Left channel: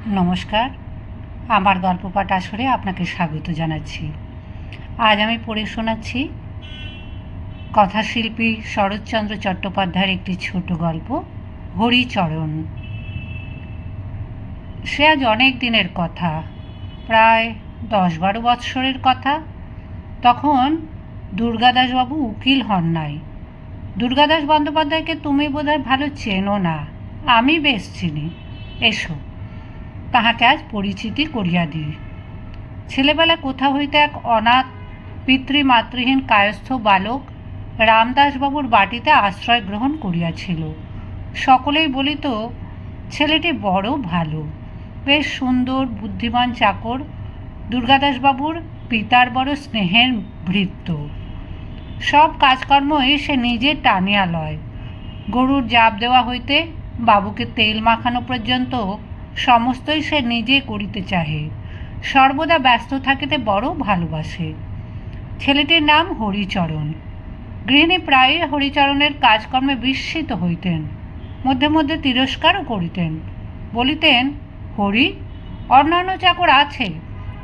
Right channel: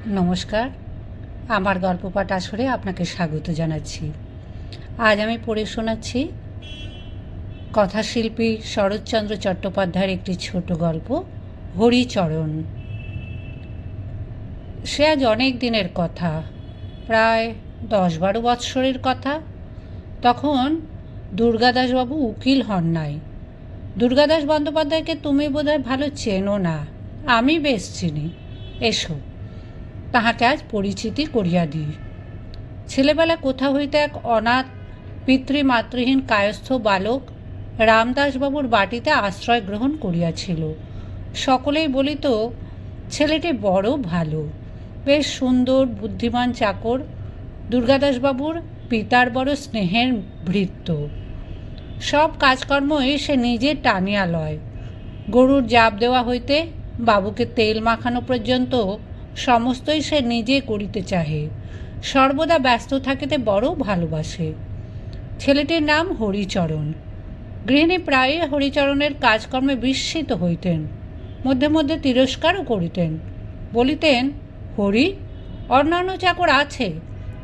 নমস্কার, আমার গল্প পাঠ আসরে আপনাকে স্বাগত জানাচ্ছি। আজ আমি পড়ে শোনাচ্ছি কথাশিল্পী শরৎচন্দ্র চট্টোপাধ্যায়ের একটি ছোট গল্প, হরিচরণ। সে আজ অনেক দিনের কথা, প্রায় 10-12 বৎসরের কথা। তখন দুর্গাদাসবাবু উকিল হন নাই। দুর্গাদাস বন্দ্যোপাধ্যায়কে তুমি বোধহয় ভালো চেনো না, আমি বেশ চিনি। এসো, তাহাকে আজ পরিচিতি করিয়া দিই। ছেলেবেলা কোথা হইতে এক অনাথ পিতৃমাতৃহীন কায়স্থ বালক রামদাসবাবুর বাটিতে আশ্রয় গ্রহণ করিয়াছিল। সকলেই বলিত, ছেলেটি বড় ভালো, বেশ সুন্দর বুদ্ধিমান চাকর। দুর্গাদাসবাবুর পিতার বড় স্নেহের ভৃত্য। সব কাজকর্মই সে নিজে টানিয়া লয়। গরুর জাপ দেওয়া হইতে বাবুকে তেল মাখানো পর্যন্ত সমস্তই সে নিজে করিতে চাহে। সর্বদা ব্যস্ত থাকিতে বড় ভালোবাসে। ছেলেটির নাম হরিচরণ। গৃহিণী প্রায়ই হরিচরণের কাজকর্মে বিস্মিত হইতেন, মধ্যে মধ্যে তিরস্কারও করিতেন। বলিতেন, হরি, অন্যান্য চাকর আছে,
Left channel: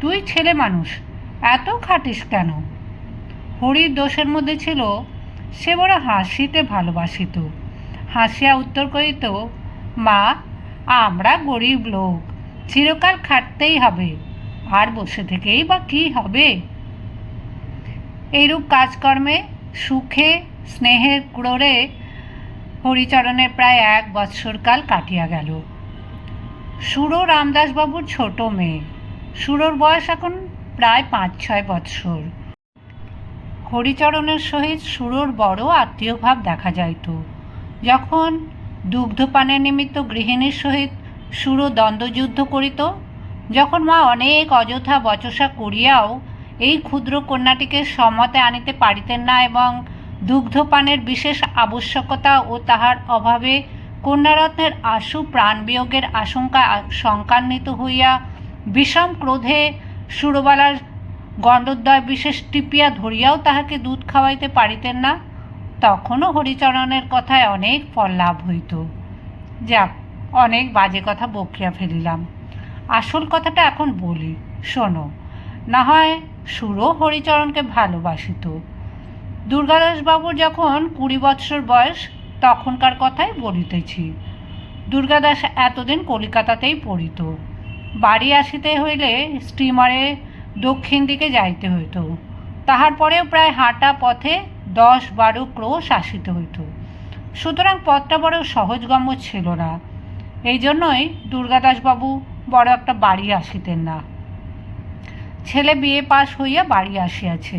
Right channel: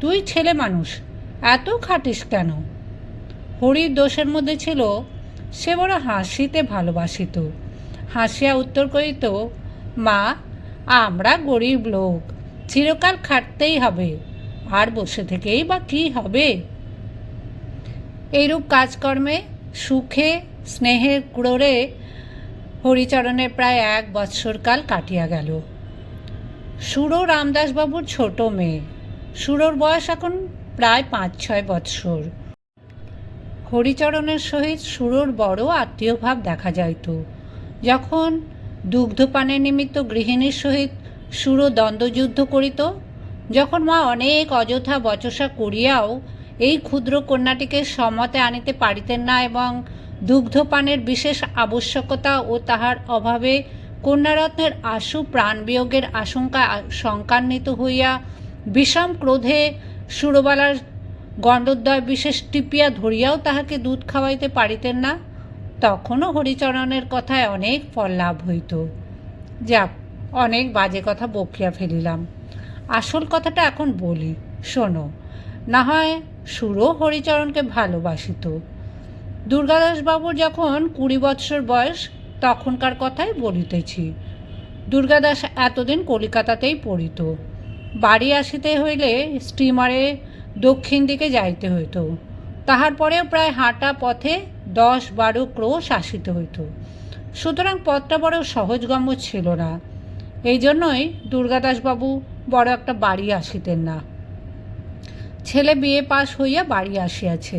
তুই ছেলে মানুষ, এত খাটিস কেন? হরির দোষের মধ্যে ছিল সে বড় হাসিতে ভালোবাসিত। হাসিয়া উত্তর করিত, মা, আমরা গরিব লোক, চিরকাল খাটতেই হবে, আর বসে থেকেই বা কী হবে? এইরূপ কাজকর্মে সুখে স্নেহের ক্রোড়ে হরিচরণের প্রায় 1 বৎসরকাল কাটিয়া গেল। সুরো রামদাসবাবুর ছোট মেয়ে। সুরোর বয়স এখন প্রায় 5-6 বৎসর। হরিচরণের সহিত সুরোর বড় আত্মীয়ভাব দেখা যাইত। যখন দুগ্ধপানের নিমিত্ত গৃহিণীর সহিত সুরো দ্বন্দ্বযুদ্ধ করিত, যখন মা অনেক অযথা বচসা করিয়াও এই ক্ষুদ্র কন্যাটিকে সমতে আনিতে পারিতেন না এবং দুগ্ধপানের বিশেষ আবশ্যকতা ও তাহার অভাবে কন্যারত্নের আশু প্রাণবিয়োগের আশঙ্কা শঙ্কান্বিত হইয়া বিষম ক্রোধে সুরবালার গণ্ডদ্বয় বিশেষ টিপিয়া ধরিয়াও তাহাকে দুধ খাওয়াইতে পারিতেন না, তখনও হরিচরণের কথায় অনেক ফল লাভ হইত। যাক, অনেক বাজে কথা বকিয়া ফেলিলাম। আসল কথাটা এখন বলি, শোনো। না হয় সুরও হরিচরণকে ভালোবাসিত। দুর্গাদাসবাবুর যখন 20 বৎসর বয়স, তখনকার কথাই বলিতেছি। দুর্গাদাস এতদিন কলিকাতাতেই পড়িত। বাড়ি আসিতে হইলে স্টিমারে দক্ষিণ দিকে যাইতে হইত। তাহার পরেও প্রায় হাঁটা পথে 10-12 ক্রোশ আসিতে হইত। সুতরাং পথটা বড় সহজগম্য ছিল না। এই জন্যই দুর্গাদাসবাবু বড় একটা বাড়ি আসিতেন না। ছেলে বিয়ে পাশ হইয়া বাড়ি আসিয়াছে।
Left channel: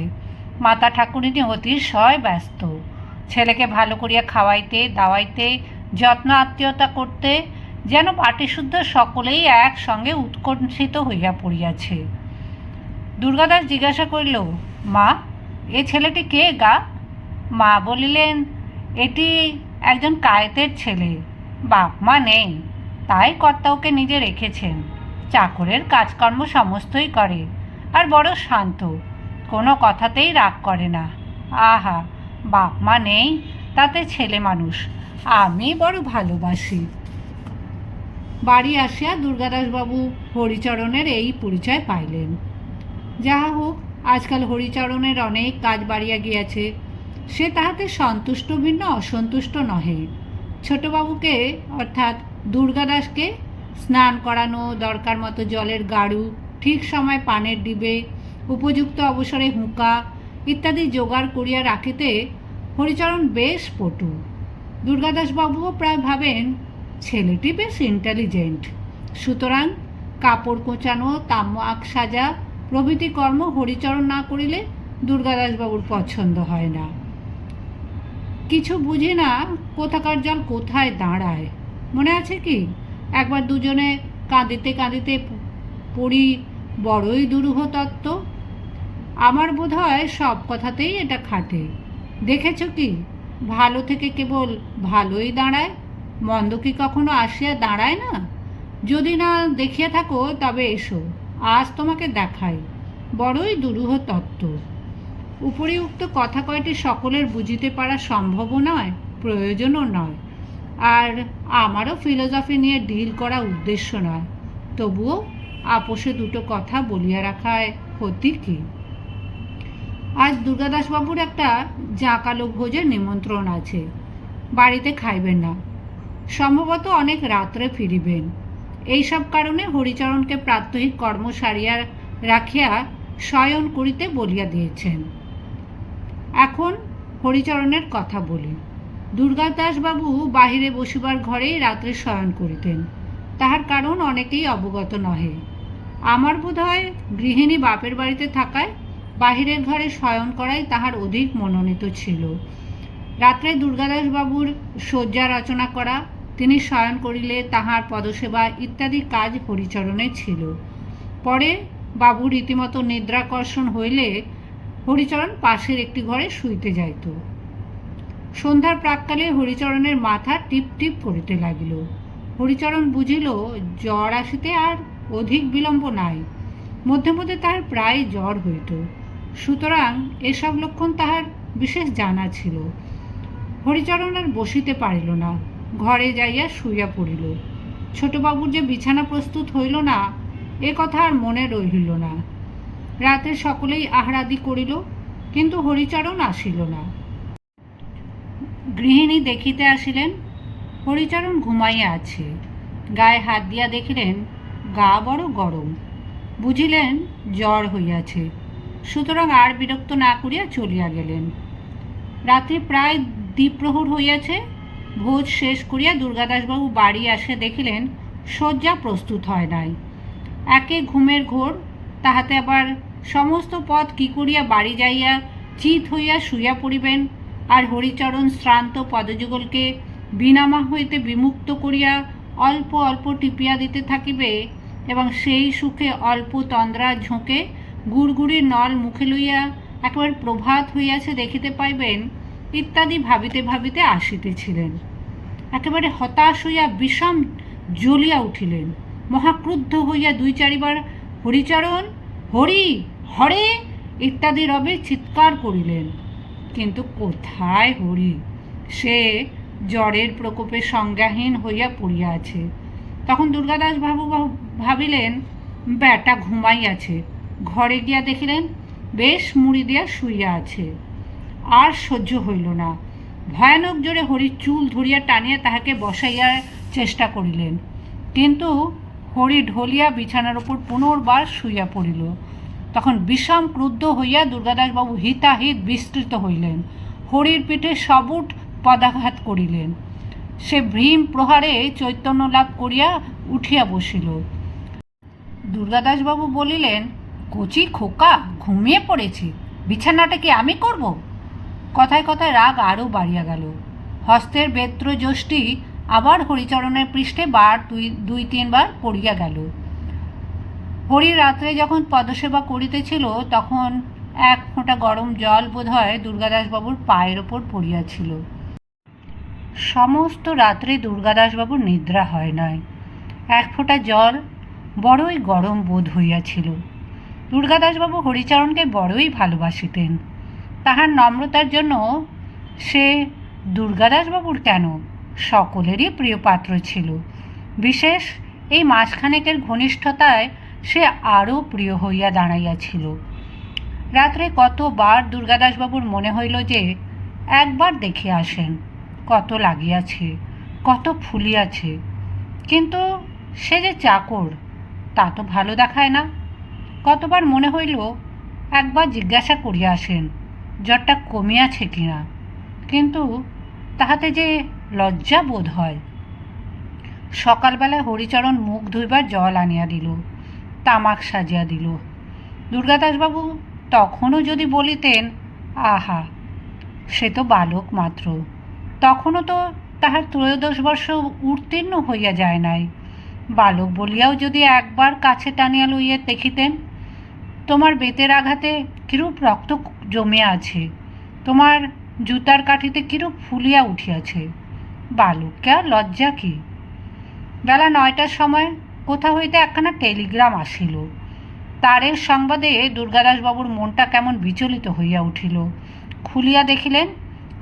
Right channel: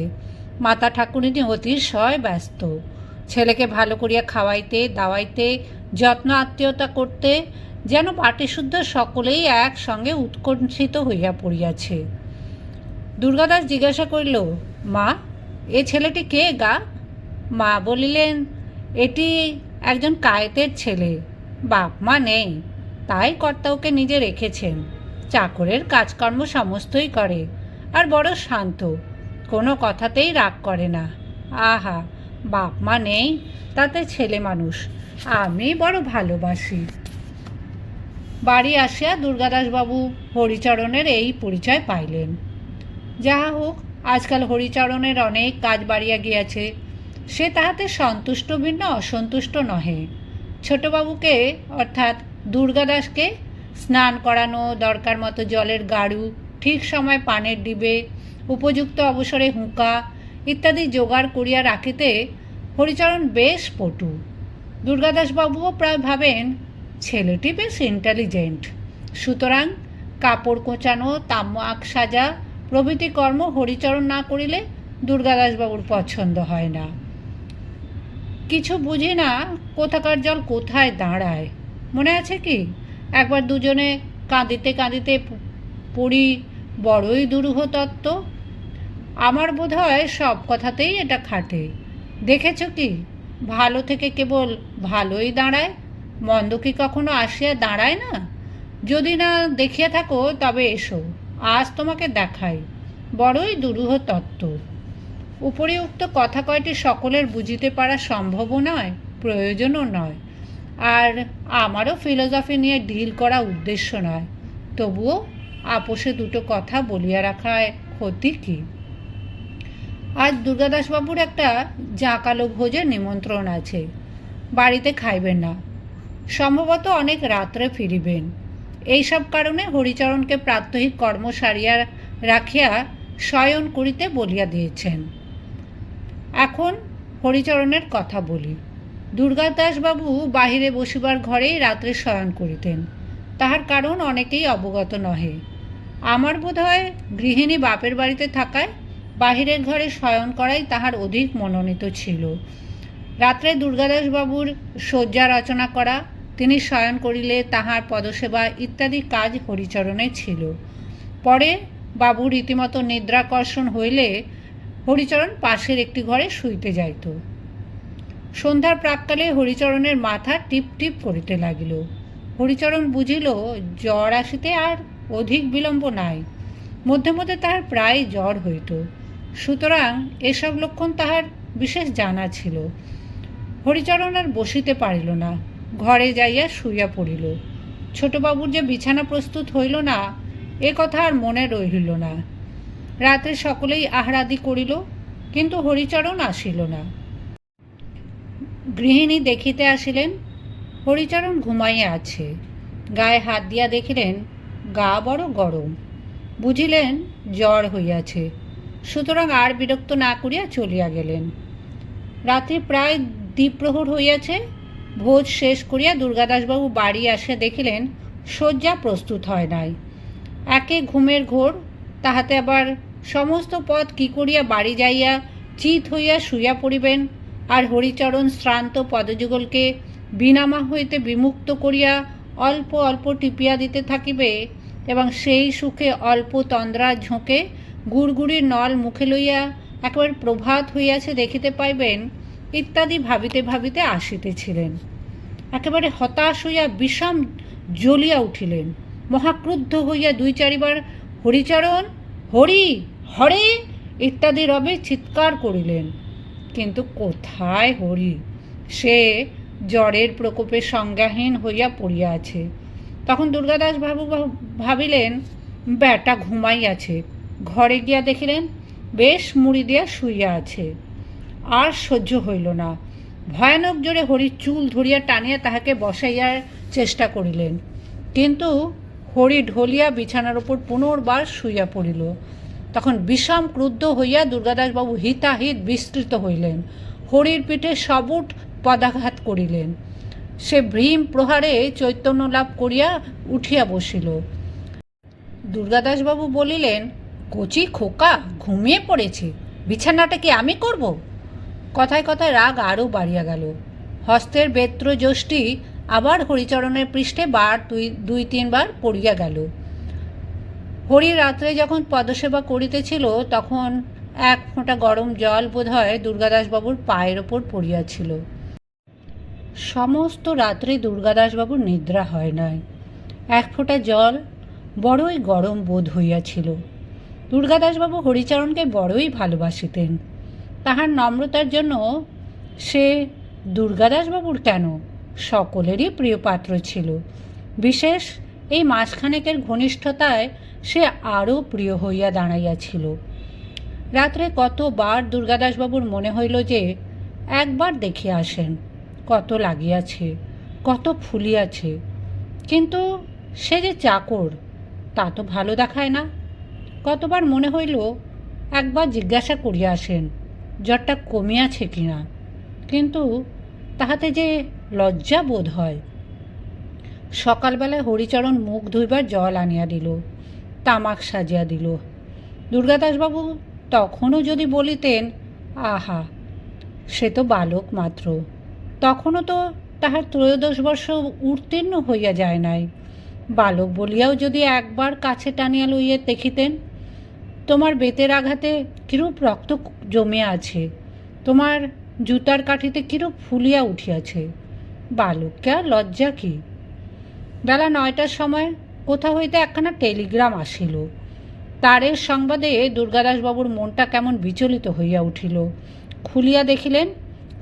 মাতা ঠাকুরিনী অতিশয় ব্যস্ত। ছেলেকে ভালো করিয়া খাওয়াইতে দাওয়াইতে যত্ন আত্মীয়তা করতে যেন পাটিশুদ্ধ সকলেই একসঙ্গে উৎকণ্ঠিত হইয়া পড়িয়াছে। দুর্গাদাস জিজ্ঞাসা করিল, মা, এ ছেলেটি কে গা? মা বলিলেন, এটি একজন কায়েতের ছেলে, বাপ মা নেই, তাই কর্তা ওকে নিজে রেখেছেন। চাকরের কাজকর্ম সমস্তই করে, আর বড় শান্ত, কোনো কথাতেই রাগ করে না। আহা, বাপ মা নেই, তাতে ছেলে মানুষ, আমি বড় ভালোবাসি। বাড়ি আসিয়া দুর্গাদাসবাবু হরিচরণের এই পরিচয় পাইলেন। যাহা হোক, আজকাল হরিচরণের অনেক কাজ বাড়িয়া গিয়াছে, সে তাহাতে সন্তুষ্ট ভিন্ন অসন্তুষ্ট নহে। ছোটবাবুকে অর্থাৎ দুর্গাদাসকে স্নান করানো, দরকার মতো জলের গাড়ু, ঠিক সময় পানের ডিবে, উপযুক্ত অবসরে হুঁকা ইত্যাদি জোগাড় করিয়া রাখিতে হরিচরণ বেশ পটু। দুর্গাদাসবাবুও প্রায় ভাবেন ছেলেটি বেশ ইন্টেলিজেন্ট। সুতরাং কাপড় কোঁচানো, তামাক সাজা প্রভৃতি কর্ম হরিচরণ না করিলে দুর্গাদাসবাবুর পছন্দ হয় না। কিছু বুঝি না কোথাকার জল কোথায় দাঁড়ায়। মনে আছে কি, একবার দুজনে কাঁদিতে কাঁদিতে পড়ি বড়ই দুরূহ তত্ত্ব। আমার বোধ হয় সব কথাতেই এটা খাটে। দেখেছ কি, ভালো থেকে কেবল ভালোই দাঁড়ায়, মন্দ কি কখনো আসিয়া দাঁড়ায় না? যদি না দেখিয়া থাকো তবে এসো, আজ তোমাকে দেখাই। বড়ই দুরূহ তত্ত্ব। উপরিউক্ত কথা কয়টি সকলের বুঝিতে পারা সম্ভবও নয়, প্রয়োজনও নয়, আর আমারও ফিলোসফি নিয়ে ডিল করা উদ্দেশ্য নয়। তবুও আপোষে দুটো কথা বলিয়া রাখায় ক্ষতি কি? আজ দুর্গাদাসবাবুর একটা জাঁকালো ভোজের নিমন্ত্রণ আছে, বাড়িতে খাইবেন না, সম্ভবত অনেক রাত্রে ফিরিবেন। এইসব কারণে হরিচরণকে প্রাত্যহিক কর্ম সারিয়া রাখিয়া শয়ন করিতে বলিয়া দিয়েছেন। এখন হরিচরণের কথা বলি। দুর্গাদাসবাবু বাহিরে বসিবার ঘরেই রাত্রে শয়ন করিতেন, তাহার কারণ অনেকেই অবগত নহে। আমার বোধ হয় গৃহিণী বাপের বাড়িতে থাকায় বাহিরের ঘরে শয়ন করাই তাহার অধিক মনোনীত ছিল। রাত্রে দুর্গাদাসবাবুর শয্যা রচনা করা, তিনি শয়ন করিলে তাহার পদসেবা ইত্যাদি কাজ হরিচরণের ছিল। পরে বাবু রীতিমতো নিদ্রাকর্ষণ হইলে হরিচরণ পাশের একটি ঘরে শুইতে যাইত। সন্ধ্যার প্রাক্কালে হরিচরণের মাথা টিপ টিপ করিতে লাগিল। হরিচরণ বুঝিল জ্বর আসিতে আর অধিক বিলম্ব নাই। মধ্যে মধ্যে তাহার প্রায় জ্বর হইত, সুতরাং এসব লক্ষণ তাহার বিশেষ জানা ছিল। হরিচরণ আর বসিতে পারিল না, ঘরে যাইয়া শুইয়া পড়িল। ছোটবাবুর যে বিছানা প্রস্তুত হইল না, এ কথা আর মনে রহিল না। রাত্রে সকলেই আহারাদি করিল, কিন্তু হরিচরণ আসিল না। গৃহিণী দেখিতে আসিলেন হরিচরণ ঘুমাইয়া আছে। গায়ে হাত দিয়া দেখিলেন গা বড় গরম, বুঝিলেন জ্বর হইয়াছে, সুতরাং আর বিরক্ত না করিয়া চলিয়া গেলেন। রাত্রি প্রায় দ্বিপ্রহর হইয়াছে। ভোজ শেষ করিয়া দুর্গাদাসবাবু বাড়ি আসিয়া দেখিলেন শয্যা প্রস্তুত হয় নাই। একে ঘুমের ঘোর, তাহাতে আবার সমস্ত পথ কি করিয়া বাড়ি যাইয়া চিত হইয়া শুইয়া পড়িবেন, আর হরিচরণ শ্রান্ত পদযুগলকে বিনামা হইতে বিমুক্ত করিয়া অল্প অল্প টিপিয়া দিতে থাকিবে, এবং সেই সুখে অল্প তন্দ্রা ঝোঁকে গুড়গুড়ির নল মুখে লইয়া একেবারে প্রভাত হইয়াছে দেখিতে পাইবেন, ইত্যাদি ভাবিতে ভাবিতে আসিতেছিলেন। একেবারে হতাশ হইয়া বিষম জ্বলিয়া উঠিলেন। মহাক্রুদ্ধ হইয়া দুই চারিবার হরিচরণ, হরি, হরে ইত্যাদি রবে চিৎকার করিলেন, কিন্তু কোথায় হরি? সে জ্বরের প্রকোপে সংজ্ঞাহীন হইয়া পড়িয়া আছে। তখন দুর্গাদাস বাবু ভাবিলেন ব্যাটা ঘুমাইয়াছে। ঘরে গিয়া দেখিলেন বেশ মুড়ি দিয়া শুইয়া আছে। আর সহ্য হইল না, ভয়ানক জোরে হরির চুল ধরিয়া টানিয়া তাহাকে বসাইয়ার চেষ্টা করিলেন, কিন্তু হরি ঢলিয়া বিছানার উপর পুনর্বার শুইয়া পড়িল। তখন বিষম ক্রুদ্ধ হইয়া দুর্গাদাসবাবু হিতাহিত বিস্তৃত হইলেন, হরির পিঠে সবুট পদাঘাত করিলেন। সে ভীম প্রহারে চৈতন্য লাভ করিয়া উঠিয়া বসিল। দুর্গাদাসবাবু বলিলেন, কচি খোকা, ঘুমিয়ে পড়েছি, বিছানাটা কি আমি করব? কথায় কথায় রাগ আরও বাড়িয়া গেল। হস্তের বেত্র যষ্টি আবার হরিচরণের পৃষ্ঠে দুই তিনবার পড়িয়া গেল। হরি রাত্রে যখন পদসেবা করিতেছিল, তখন এক ফোঁটা গরম জল বোধ হয় দুর্গাদাসবাবুর পায়ের ওপর পড়িয়াছিল। সমস্ত রাত্রে দুর্গাদাসবাবুর নিদ্রা হয় নাই। এক ফোঁটা জল বড়ই গরম বোধ হইয়াছিল। দুর্গাদাসবাবু হরিচরণকে বড়ই ভালোবাসিতেন। তাহার নম্রতার জন্য সে দুর্গাদাসবাবুর কেন, সকলেরই প্রিয় পাত্র ছিল। বিশেষ এই মাসখানেকের ঘনিষ্ঠতায় সে আরও প্রিয় হইয়া দাঁড়াইয়াছিল। রাত্রে কতবার দুর্গাদাসবাবুর মনে হইল যে একবার দেখে আসেন, কত লাগিয়াছে, কত ফুলিয়াছে, কিন্তু সে যে চাকর, তা তো ভালো দেখায় না। কতবার মনে হইল একবার জিজ্ঞাসা করিয়া আসেন জ্বরটা কমিয়াছে কিনা, কিন্তু তাহাতে যে লজ্জা বোধ হয়। সকালবেলায় হরিচরণ মুখ ধুইবার জল আনিয়া দিল, তামাক সাজিয়া দিল। দুর্গাদাসবাবু তখনও যদি বলিতেন, আহা, সে তো বালক মাত্র, তখনও তো তাহার 13 বর্ষ উত্তীর্ণ হইয়া যায় নাই, বালক বলিয়াও যদি একবার কাছে টানিয়া লইয়া দেখিতেন, তোমার বেতের আঘাতে কিরূপ রক্ত জমিয়া আছে, তোমার জুতার কাঠিতে কিরূপ ফুলিয়া উঠিয়াছে, বালককে আর লজ্জা কি? বেলা 9টার সময় কোথা হইতে একখানা টেলিগ্রাম আসিল। তারের সংবাদে দুর্গাদাসবাবুর মনটা কেমন বিচলিত হইয়া উঠিল। খুলিয়া দেখিলেন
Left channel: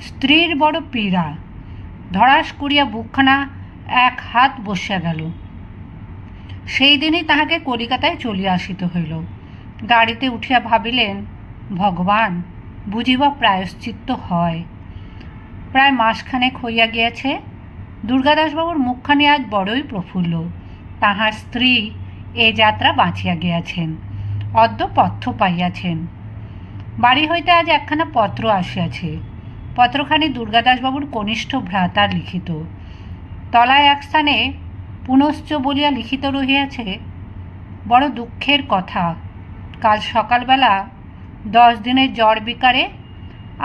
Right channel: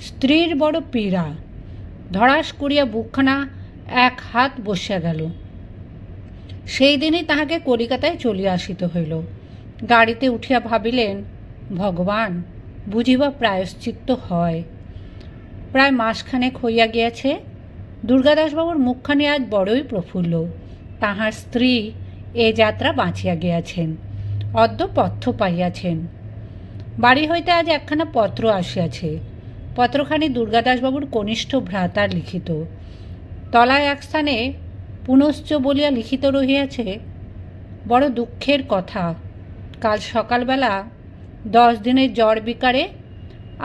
স্ত্রীর বড় পীড়া। ধড়াস করিয়া বুকখানা এক হাত বসিয়া গেল। সেই দিনই তাহাকে কলিকাতায় চলিয়া আসিতে হইল। গাড়িতে উঠিয়া ভাবিলেন, ভগবান, বুঝিবা প্রায়শ্চিত্ত হয়। প্রায় মাসখানেক হইয়া গিয়াছে। দুর্গাদাসবাবুর মুখখানি আজ বড়ই প্রফুল্ল। তাহার স্ত্রী এ যাত্রা বাঁচিয়া গিয়াছেন, অদ্য পথ্য পাইয়াছেন। বাড়ি হইতে আজ একখানা পত্র আসিয়াছে। পত্রখানি দুর্গাদাসবাবুর কনিষ্ঠ ভ্রাতার লিখিত। তলায় এক স্থানে পুনশ্চ বলিয়া লিখিত রহিয়াছে, বড় দুঃখের কথা, কাল সকালবেলা 10 দিনের জ্বর বিকারে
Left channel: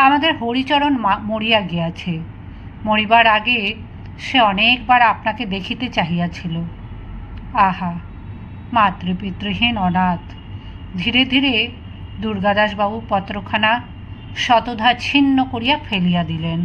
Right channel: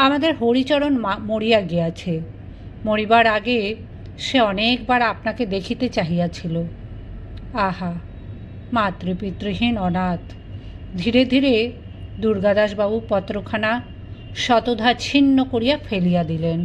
আমাদের হরিচরণ মরিয়া গিয়াছে। মরিবার আগে সে অনেকবার আপনাকে দেখিতে চাহিয়াছিল। আহা, মাতৃপিতৃহীন অনাথ। ধীরে ধীরে দুর্গাদাসবাবু পত্রখানা শতধা ছিন্ন করিয়া ফেলিয়া দিলেন।